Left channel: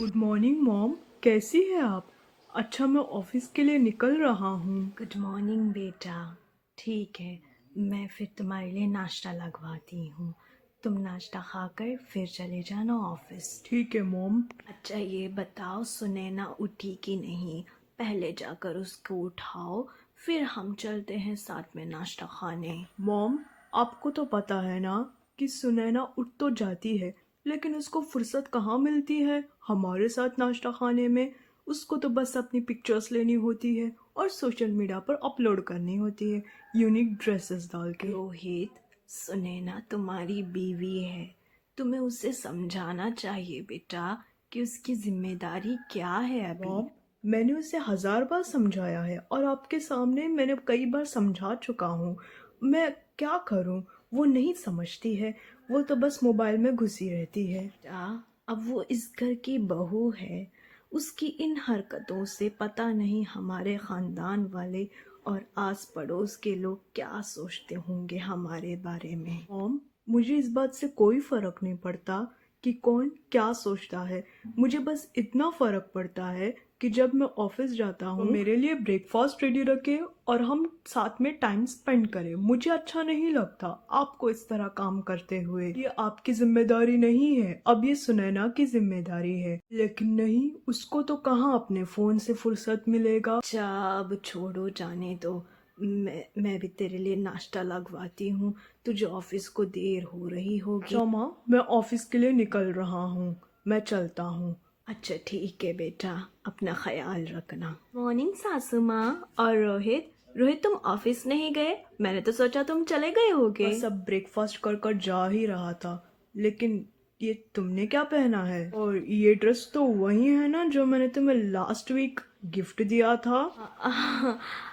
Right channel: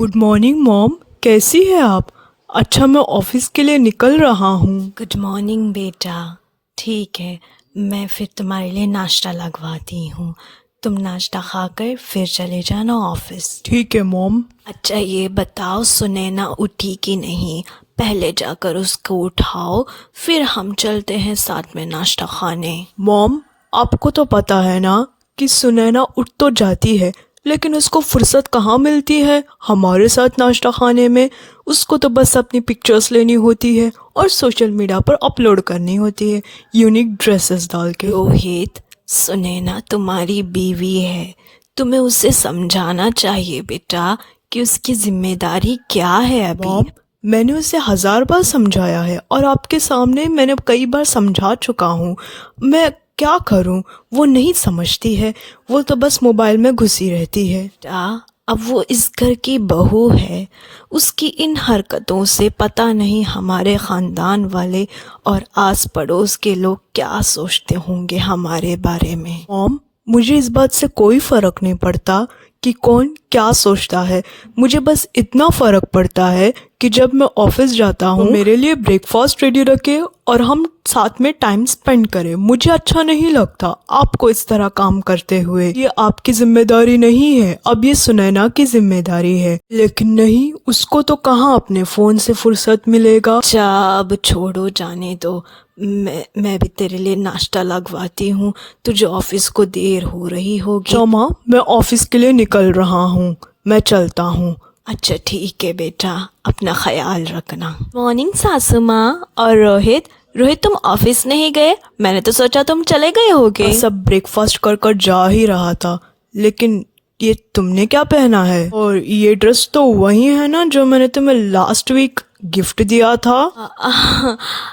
Good morning mom, कैसी है आप? अच्छा, मैं ऑफिस के लिए निकल रहा हूँ। गुड मॉर्निंग बेटा। ठीक है, मैं फिर तुम्हारे लिए नाश्ता लगवाती हूँ। तुम नाश्ता खाकर फिर चले जाना ऑफिस। ठीक है मॉम। अच्छा ये बताओ, सुनैना उठी कि नहीं? पहले जाकर उसको उठाओ, फिर हम चलते हैं साथ में नाश्ता खाने। मॉम, आपको तो पता है ना कि सुनैना उठ तो जाती है, लेकिन उसको फुर्सत कहाँ मिलती है हमारे साथ नाश्ता खाने में। उसको तो बस अपनी पिक्चर्स लेनी होती है और सोशल मीडिया पर अपलोड करनी होती है, यूनिक ड्रेसेस डाल के। रोहित, सुनैना तुम्हारी बीवी है, तुम्हें उसे समझाना चाहिए बेटा कि उसकी जिम्मेदारी क्या है अभी। मॉम, मैंने उसे 1000 बार समझाया है और आपके सामने मैंने कई बार समझा चुका हूँ। मैं क्या करूँ, वो नहीं समझती है। वो तो बस मोबाइल में घुसी रहती है। बेटा, अब वो इस घर की बहू है, उसकी इन हरकतों से पता नहीं हमारे खानदान वाले और आस पड़ोस के लोग क्या सोचते होंगे हमारे बारे में। मॉम, मुझे इस बात से कोई फर्क नहीं पड़ता कि कौन क्या सोचता है। मुझे बस इतना फर्क पड़ता है कि जब मैं ऑफिस जाता हूँ तो मेरे लिए ब्रेकफास्ट रेडी रखे और हम साथ में टाइम स्पेंड करें। मुझे अच्छा नहीं लगता आपको इस तरह काम करते हुए। ये आपकी जिम्मेदारी नहीं है, अब ये सुनैना की जिम्मेदारी है। लेकिन नहीं, उसको तो कहाँ अपने फोन से फुर्सत मिलेगा। अच्छा अब छोड़ो, जाने दो। मैं भी तेरे लिए नाश्ता लगवाती हूँ, तुझे ऑफिस को देर हो रही होगी। अच्छा माँ, मैं ऑफिस के लिए निकल रहा हूँ, मैं चलता हूँ। अच्छा ठीक है बेटा, अपना ख्याल रखना। मॉर्निंग सासू माँ। और रोहित, रोहित तुम ऑफिस नहीं गए? मैंने तो सोचा तुम चले गए होगे। सब ब्रेकफास्ट कर कर जा ही रहा था, लेकिन ये तुमने क्या पहना है? और ये ड्रेस तो वही है ना जो मैंने तुम्हें लास्ट वीक गिफ्ट दिया था?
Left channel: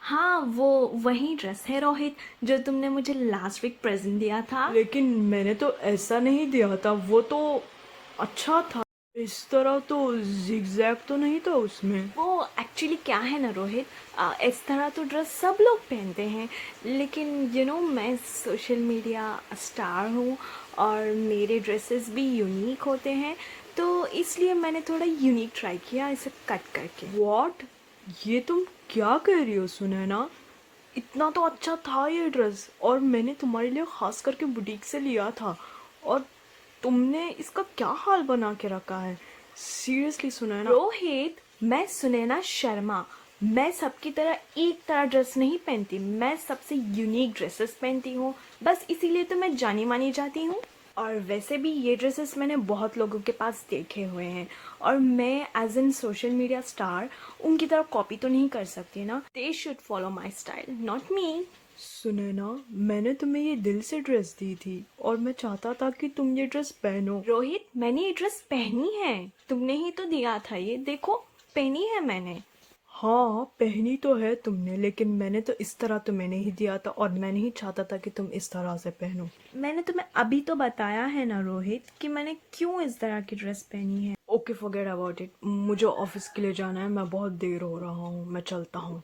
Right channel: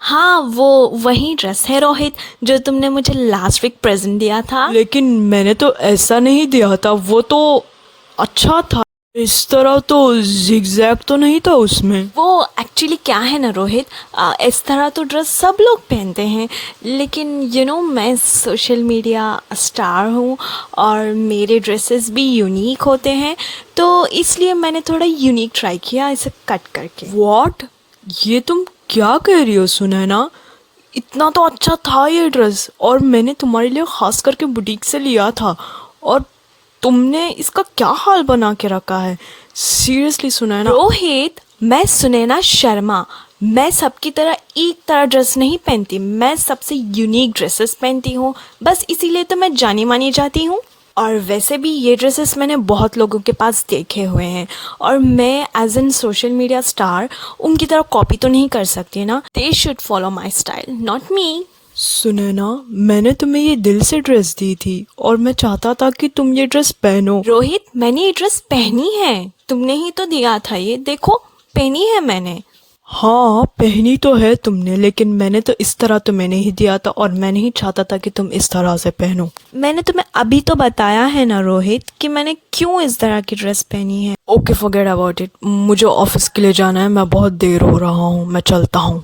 हाँ, वो वही ड्रेस है रोहित, जो तुमने मुझे लास्ट वीक प्रेजेंट दिया था। लेकिन मैंने तो ऐसा नहीं दिया था, वो तो अच्छा था। इस तरह तो जिगजैग तो नहीं था उसमें। वो एक्चुअली क्या है ना रोहित, इस तरह तो ड्रेस सब लोग पहनते हैं, लेकिन मैं सोशल मीडिया स्टार हूँ और मेरे ड्रेसेस भी यूनिक होते हैं, तो इसलिए मैंने थोड़ा यूनिक ट्राई किया इसे कट करके। व्हाट? ये तुम क्या कह रही हो सुनैना? इतना तो अच्छा था ये ड्रेस, और मैंने तुम्हारे लिए खास करके बुटीक से लिया था, और तुमने इसका क्या हाल बना के रखा है? सीरियसली सुनैना। रोहित, मैं सुनैना शर्मा, मैं सबकी तरह एक तरह ड्रेस नहीं पहनती, मैं सबसे यूनिक ड्रेसेस पहनती हूँ, बस इसीलिए तो मैं जानी मानी जाती हूँ। और वैसे भी ये ड्रेसेस मैंने बहुत लोगों के पास देखे हुए हैं, और मैं as an social media star उनकी तरह कॉपी तो नहीं कर सकती ना। They should follow my style, not me. Sunaina, मैंने तुम्हें ये दिल से ड्रेस दी थी और मैं चाहता था कि तुम ये ड्रेस पहनो। रोहित, मैंने ये ड्रेस पहनी है, तुमने ही तो दिया था, ये देखो पहनी है मैंने। हाँ, पहनी तो है तुमने, लेकिन मैंने तो इस तरह तुम्हें नहीं दिया था और मैं नहीं चाहता था कि तुम इस तरह से पहनो। मैंने तुम्हें अभी तो बताया है ना रोहित कि मैंने क्यों इस तरह की ड्रेस पहनी है। Okay, forget about it. मुझे ऑफिस के लिए जाना है, मैं बहुत देर हो रहा हूँ, मैं चलता हूँ।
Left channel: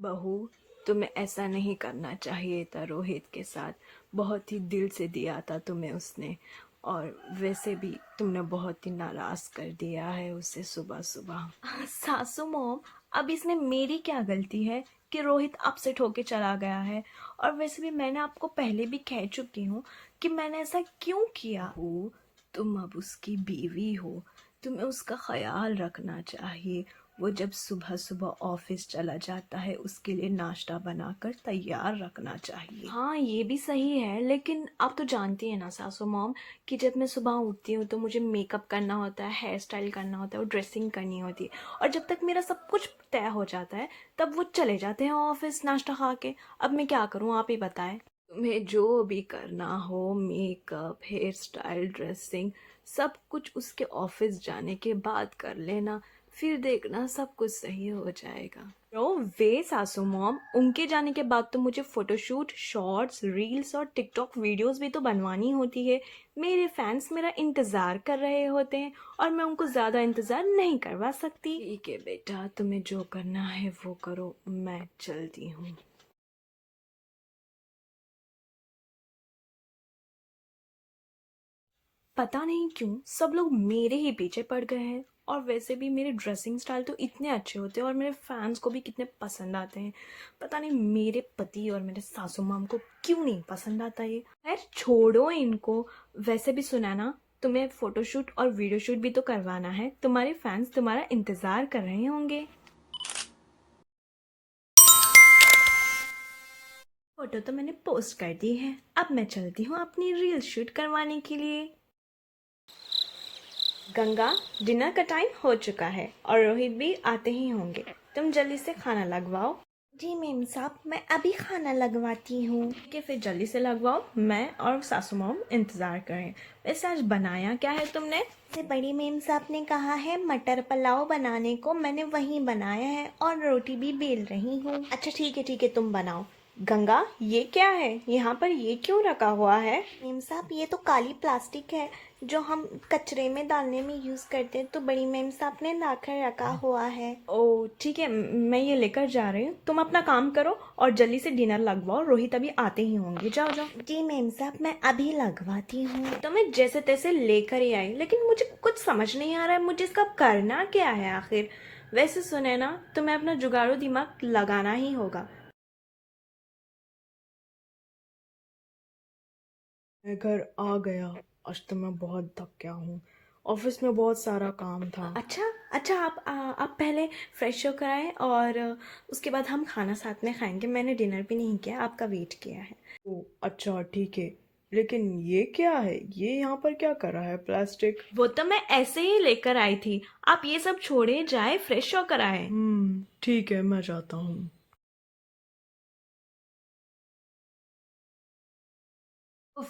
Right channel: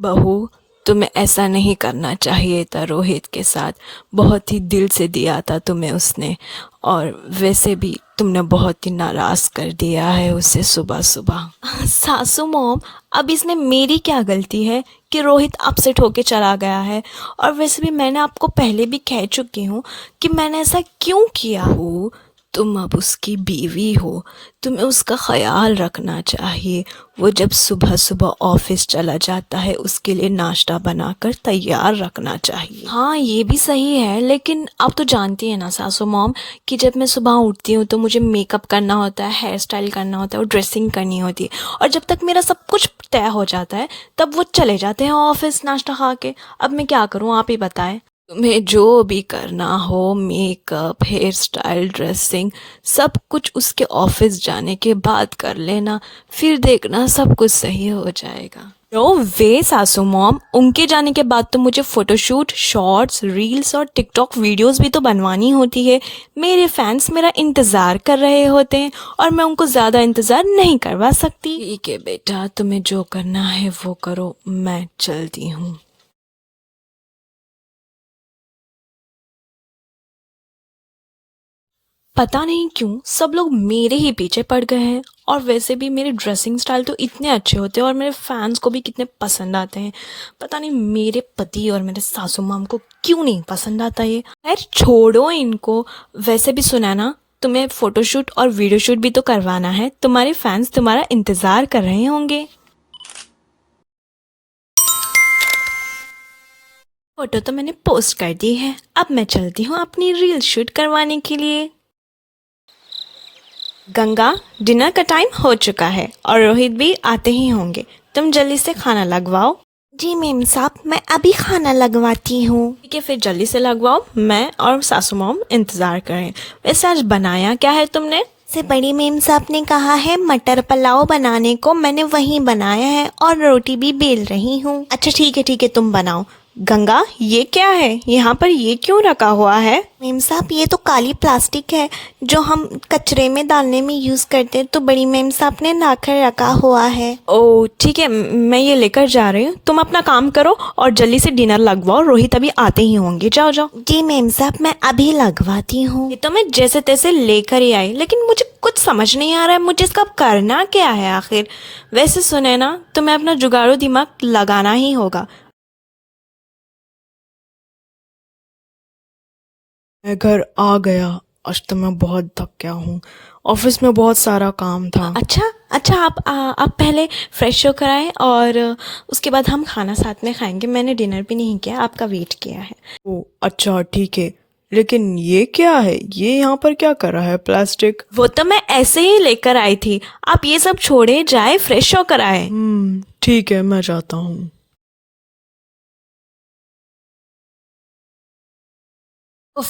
बहू, तुम्हें ऐसा नहीं करना चाहिए था रोहित के साथ, बहुत ही दिल से दिया था तुम्हें उसने, और वैसे भी तुमने बहुत ही नाराज कर दिया है उसे सुबह सुबह। सासू मॉम, अब इसमें मेरी क्या गलती है कि रोहित अपसेट होके चला गया है? और वैसे भी मैंने आपको पहले भी कह चुकी हूँ कि मैंने ऐसा क्यों किया। हो, तुम अब उसकी बीवी हो, तुम्हें उसका ख्याल रखना चाहिए। वो जब सुबह सुबह ऑफिस चला जाता है, उसके लिए नाश्ता बनाकर तैयार रखना चाहिए। हाँ ये भी सही है, लेकिन आप तो जानती है ना सासू मॉम कि जब मैं सुबह उठती हूँ तो मुझे मेकअप करना होता है, हेयर स्टाइल करना होता है और ड्रेसिंग करनी होती है, और जब तक मेरा सब कुछ तय हो जाता है तब वो चले जाते हैं ऑफिस नाश्ता खा के। अब मैं क्या करूँ, आप ही बताएं। तुम्हें जो भी करना हो, मेकअप, हेयर स्टाइल, ड्रेसिंग, सब कुछ उसके ऑफिस जाने के बाद कर लेना, फिर देखना सब कुछ सही हो जाएगा। नो वे सासू मॉम, उनके जाने के बाद तो मुझे फोटोशूट, शॉर्ट्स, रील्स और टिकटॉक वीडियोस भी तो बनवानी होती है। मेरे फैंस मेरा इंतज़ार कर रहे होते हैं और मैं उनको ज़्यादा इंतज़ार नहीं करवा सकती। ठीक है बेटा, तुम्हें जो करना है वो करो, मैं चलती हूँ। पता नहीं क्यों सब लोग मेरे ही पीछे पड़ गए हैं। और वैसे भी मेरे ड्रेसिंग स्टाइल तो इतने अच्छे होते हैं और मेरे फैंस को भी कितने पसंद आते हैं। पता नहीं मेरे पति और मेरे सासू माम को क्यों नहीं पसंद आता ये। खैर छोड़ो इनको। वैसे भी सुना ना, तुम्हें फ़ोटोशूट और वीडियो शूट भी तो करवाना है। तुम्हारे फैंस तुम्हारा इंतज़ार कर रहे होंगे। फ़ोटो तो मैंने पोस्ट कर दी है, अब मैं चलती हूँ अपनी रील शूट करवाने के लिए। गंगा, डिनर का टाइम हो चुका है और रोहित भी आते ही होंगे। तुम जल्दी से खाना लगवाओ। जी मेम साहब, मैं अभी खाना लगवाती हूँ। ठीक है, फिर जल्दी से लगवाओ। मैं और सासू मॉम इंतज़ार करें। वैसे आज बनाया क्या है तुमने? से बड़ी मेम साहब ने कहा है मटर पुलाव बनाने को, मैंने वही बनाया है और रोटी भी बेल रही हूँ। अच्छा ठीक है, तुम बनाओ। गंगा, ये क्या है यहाँ पर, ये क्यों रखा हुआ है? मेम साहब, ये तो काली प्लास्टिक है जो हम कचरे में डालने में यूज़ करते हैं, तो बड़ी मेम साहब ने लाकर रखा हुआ है। ओह ठीक है, मैं ये लेकर जा रही हूँ। तुम अपना काम करो और जल्दी से डिनर लगवाओ, रोहित अभी आते ही होंगे। जाओ जाओ। जी मेम साहब, मैं अभी लगवाती हूँ। ये तो मैं जैसे तैसे लेकर ही आई, लेकिन मुझे कुछ समझ नहीं आ रहा है मुझे इसका करना क्या है आखिर। वैसे सुने ना, तुम्हें अपना जुगाड़ू दिमाग लगाना ही होगा। मैं घर आ गया। आज तो मैं बहुत थक गया हूँ। ऑफिस में बहुत सारा काम था। अच्छा अच्छा, आप पहले फ्रेश होकर आए और उसके बाद हम खाना साथ में खाएंगे। मैंने डिनर भी नहीं किया, आपका वेट किया है। ओ अच्छा ठीक है, लेकिन ये क्या है? ये यहाँ पर क्या कर रहा है प्लास्टिक? वो तो मैं ऐसे ही लेकर आई थी। आप ये सब छोड़े, जाए फ्रेश होकर आए। ठीक है, मैं जाता हूँ। उफ,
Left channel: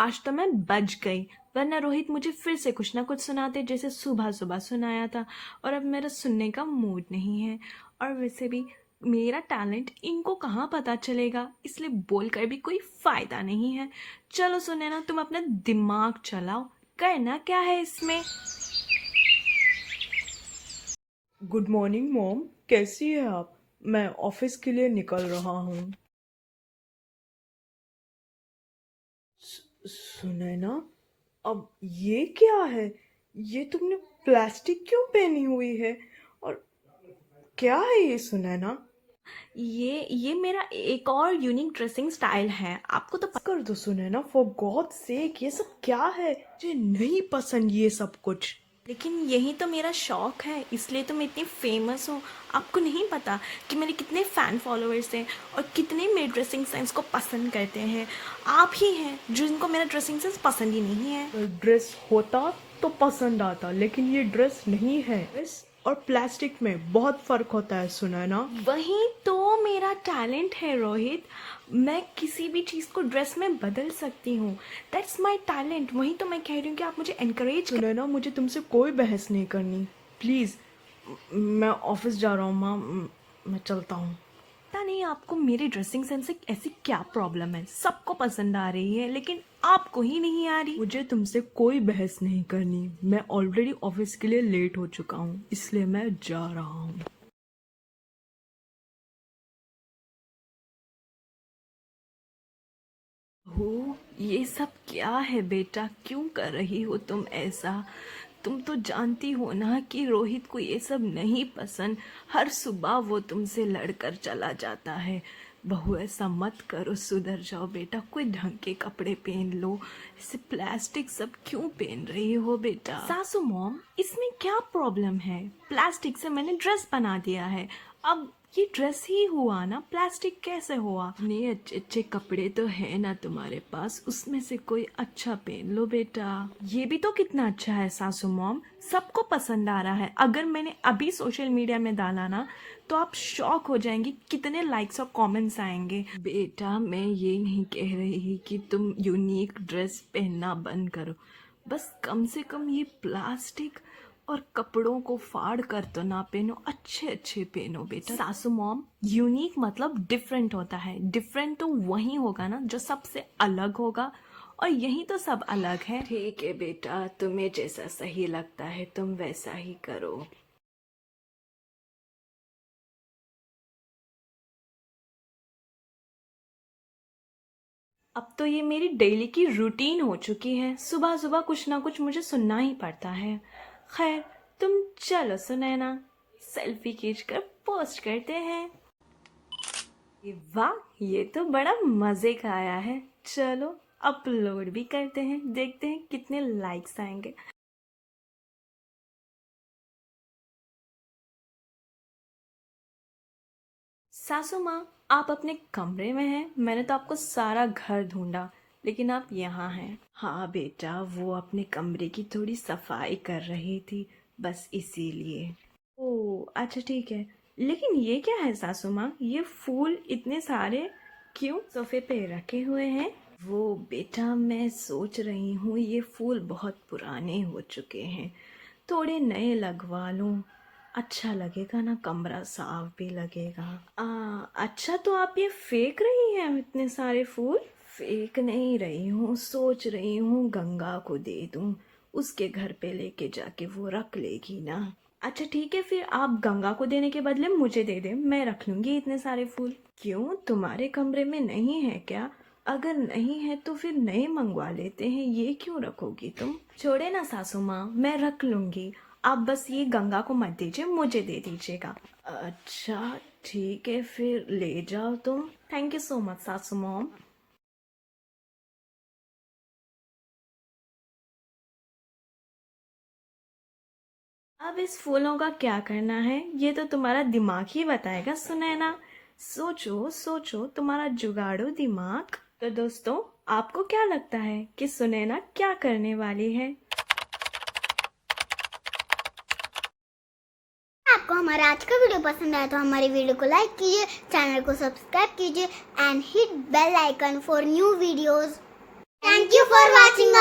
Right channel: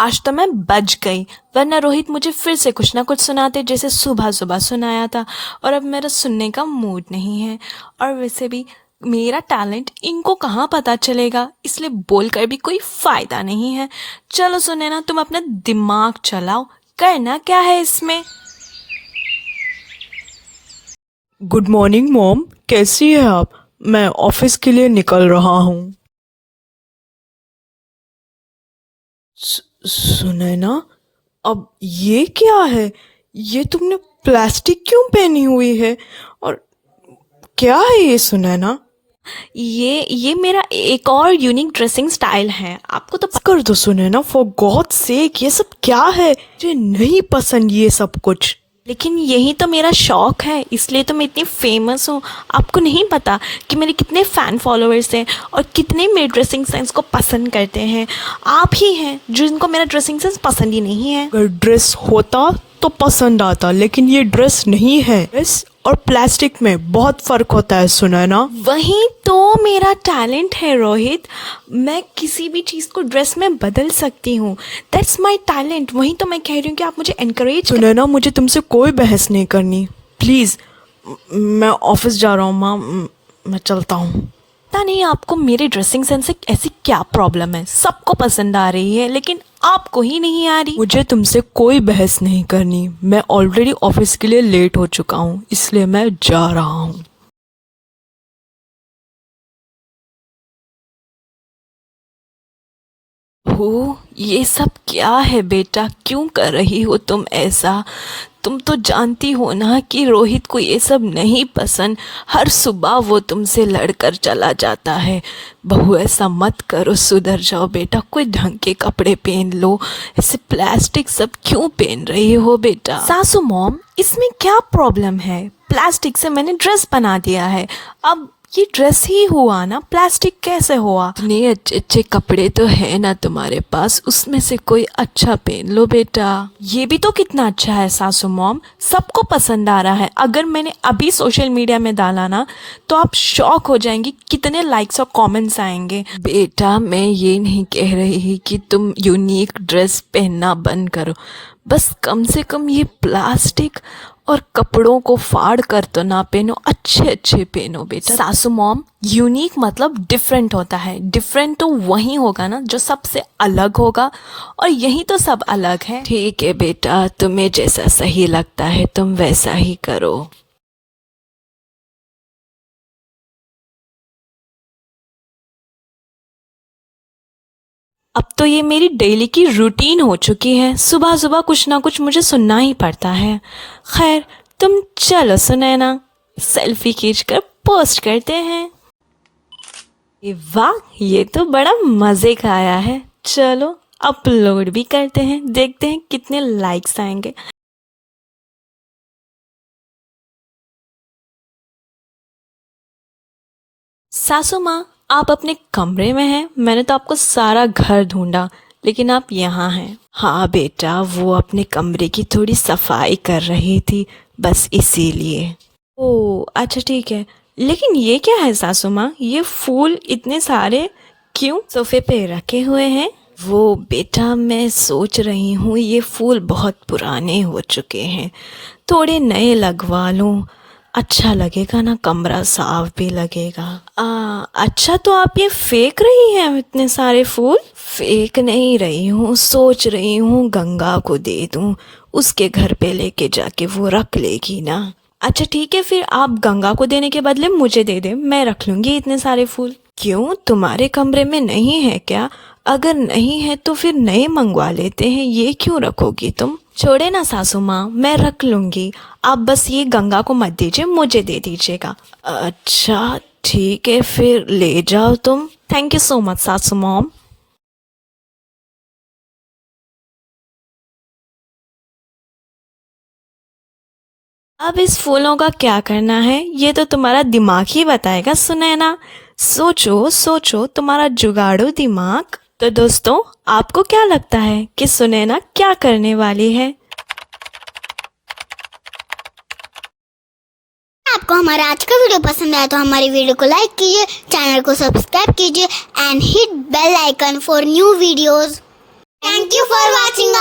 आज तो मैं बच गई, वरना रोहित मुझे फिर से कुछ ना कुछ सुनाते जैसे सुबह सुबह सुनाया था। और अब मेरा सुनने का मूड नहीं है। और वैसे भी मेरा टैलेंट इनको कहाँ पता चलेगा, इसलिए बोलकर भी कोई फ़ायदा नहीं है। चलो सुने ना, तुम अपना दिमाग चलाओ, करना क्या है इसमें। गुड मॉर्निंग मॉम, कैसी है आप? मैं ऑफिस के लिए निकल रहा हूँ। सुने ना, अब ये क्या है? ये तुमने प्लास्टिक क्यों पहनी हुई है? और क्या है ये सुनैना? ये मेरा एक और यूनिक ड्रेसिंग स्टाइल है, आपको तो कर दो सुनैना, फॉर गॉड सेक, ये सब क्या है? मुझे नहीं पसंद ये सब कुछ। लेकिन यही तो मेरा शौक है, इसलिए तो मैं इतनी फेमस हूँ। आपको नहीं पता कि मेरे कितने फ़ैन फॉलोअर्स हैं और कितने मेरे ड्रेसिंग सेंस को पसंद करते हैं। आप ही हैं जिनको मेरा ड्रेसिंग सेंस पसंद ही नहीं है। अगर ड्रेस होता तो पसंद आता, लेकिन ये ड्रेस नहीं है। ड्रेस और प्लास्टिक में बहुत फर्क होता है सुनैना। वही तो मेरा टैलेंट है रोहित, मैं किसी भी चीज़ को ड्रेस में बदल सकती हूँ। That's my talent. वही तो मैं कह रही हूँ कि आप मुझे एनकरेज। सुनैना, मुझे तुमसे कोई बहस नहीं करनी, प्लीज़। मैं ऑफिस जा रहा हूँ माँ, मैं चलता हूँ। पता नहीं आपको मेरे ड्रेसिंग सेंस से ऐसी क्या प्रॉब्लम है, सबको पसंद आ रही है लेकिन आपको ही नहीं आ रही। मुझे तुमसे कोई बहस नहीं करनी, मैं ऑलरेडी ऑफिस के लिए लेट हो चुका हूँ, इसलिए मैं जा रहा हूँ। हो, ये सब क्या है बेटा, क्यों कर रही हो तुम ऐसा? तुम तो जानती हो ना कि रोहित को ये सब नहीं पसंद। हर सुबह वो तुमसे लड़कर चला जाता है। बहू ऐसा मत करो, सुधर जाओ बेटा, कोई ढंग के कपड़े पहन लो। ऐसे प्लास्टिक सब क्यों पहन रही हो बेटा? सासू मॉम, इसमें क्या प्रॉब्लम है? प्लास्टिक से मैंने ड्रेस बना दिया है, अब ये ड्रेस ही हुआ ना, प्लास्टिक कैसे हुआ? इतने अच्छे अच्छे कपड़े तो है ना तुम्हारे पास, उसमें से कोई अच्छा पहन लो बेटा। ये भी तो कितना अच्छा है सासू मॉम, सबको पसंद आ रहा है। अगर मैंने अभी सोशल मीडिया में डाला ना तो आप शॉक हो जाएंगी कितने लाइक्स और कमेंट्स आएंगे। बेटा मैं ये नहीं कह रही कि तुम यूनिक ड्रेस पहनना बंद करो, बस कम से कम ये प्लास्टिक और कपड़ों को फाड़ कर तो ना पहनो, अच्छे अच्छे पहनो बेटा। सासू मॉम, यूनिक मतलब डिफरेंट होता है। डिफरेंट तो वही होगा ना जो सबसे अलग होगा, और यही तो सब अलग है। ठीक है बेटा, तुम्हें जैसा सही लगता है तुम वैसा ही करो। अब तो ये मेरी डेली की रूटीन हो चुकी है, सुबह सुबह कुछ ना कुछ मुझे सुनना ही पड़ता है। खैर तुम चलो सुनैना, सेल्फी खींचकर पोस्ट करते हैं। वाह, ये तो बड़ा मज़े का आया है। चलो अपलोड भी करते हैं, देखते हैं कितने लाइक्स आएंगे। सासू माँ, आप अपने कमरे में हैं? मैंने तो आपको सारा घर ढूंढा, लेकिन आप यहाँ हैं। हाँ बेटा, वो अपने कमरे की थोड़ी सफाई कर रही थी, बस इसीलिए। ओह अच्छा ठीक है, लेकिन ये क्या है सासू माँ, ये फूल इतने सारे क्यों सोफे पे रखे हुए हैं? वो बेटा, मैं सोच रही हूँ ये फूल बहुत पुराने हो चुके हैं, थोड़े नए लगवा लूँ, अच्छा लगेगा ना, कमरा साफ भी लगेगा। अच्छा, तो आप ये फेंक रही हैं इतने सारे फूल? फेंक नहीं रही हूँ, सोच रही हूँ गंगा को दे दूँ, उसके घर पे लेके जाके वो रख लेगी ना। अच्छा ठीक है, फिर आप गंगा को देने के बदले मुझे दे दें, मैं रख लूँगी इतने सारे फूल। क्यों, तुम्हारे कमरे में नहीं है क्या? अगर नहीं है तो फिर नए मंगवा लेते हैं, ये क्यों रखोगी तुम? छोड़े ना सासू माँ, मैं रख लूँगी, आप बस ये गंगा को मत दीजिए, मुझे दे दीजिएगा। अच्छा ठीक है, फिर ले जाओ तुम। थैंक यू सो मच सासू मॉम। अब इस फूलों का क्या करना है, ये तो तुम्हारा दिमाग ही बताएगा सुनैना। सोचो सोचो, तुम्हारा जुगाड़ू दिमाग। तो दोस्तों, आपको क्या लगता है कि सुनैना क्या करने वाली है? आपको हमारा आज का वीडियो पसंद आया तो हमारी वीडियो को लाइक कीजिए, चैनल को सब्सक्राइब कीजिए and hit bell icon for new videos. Thank you for watching.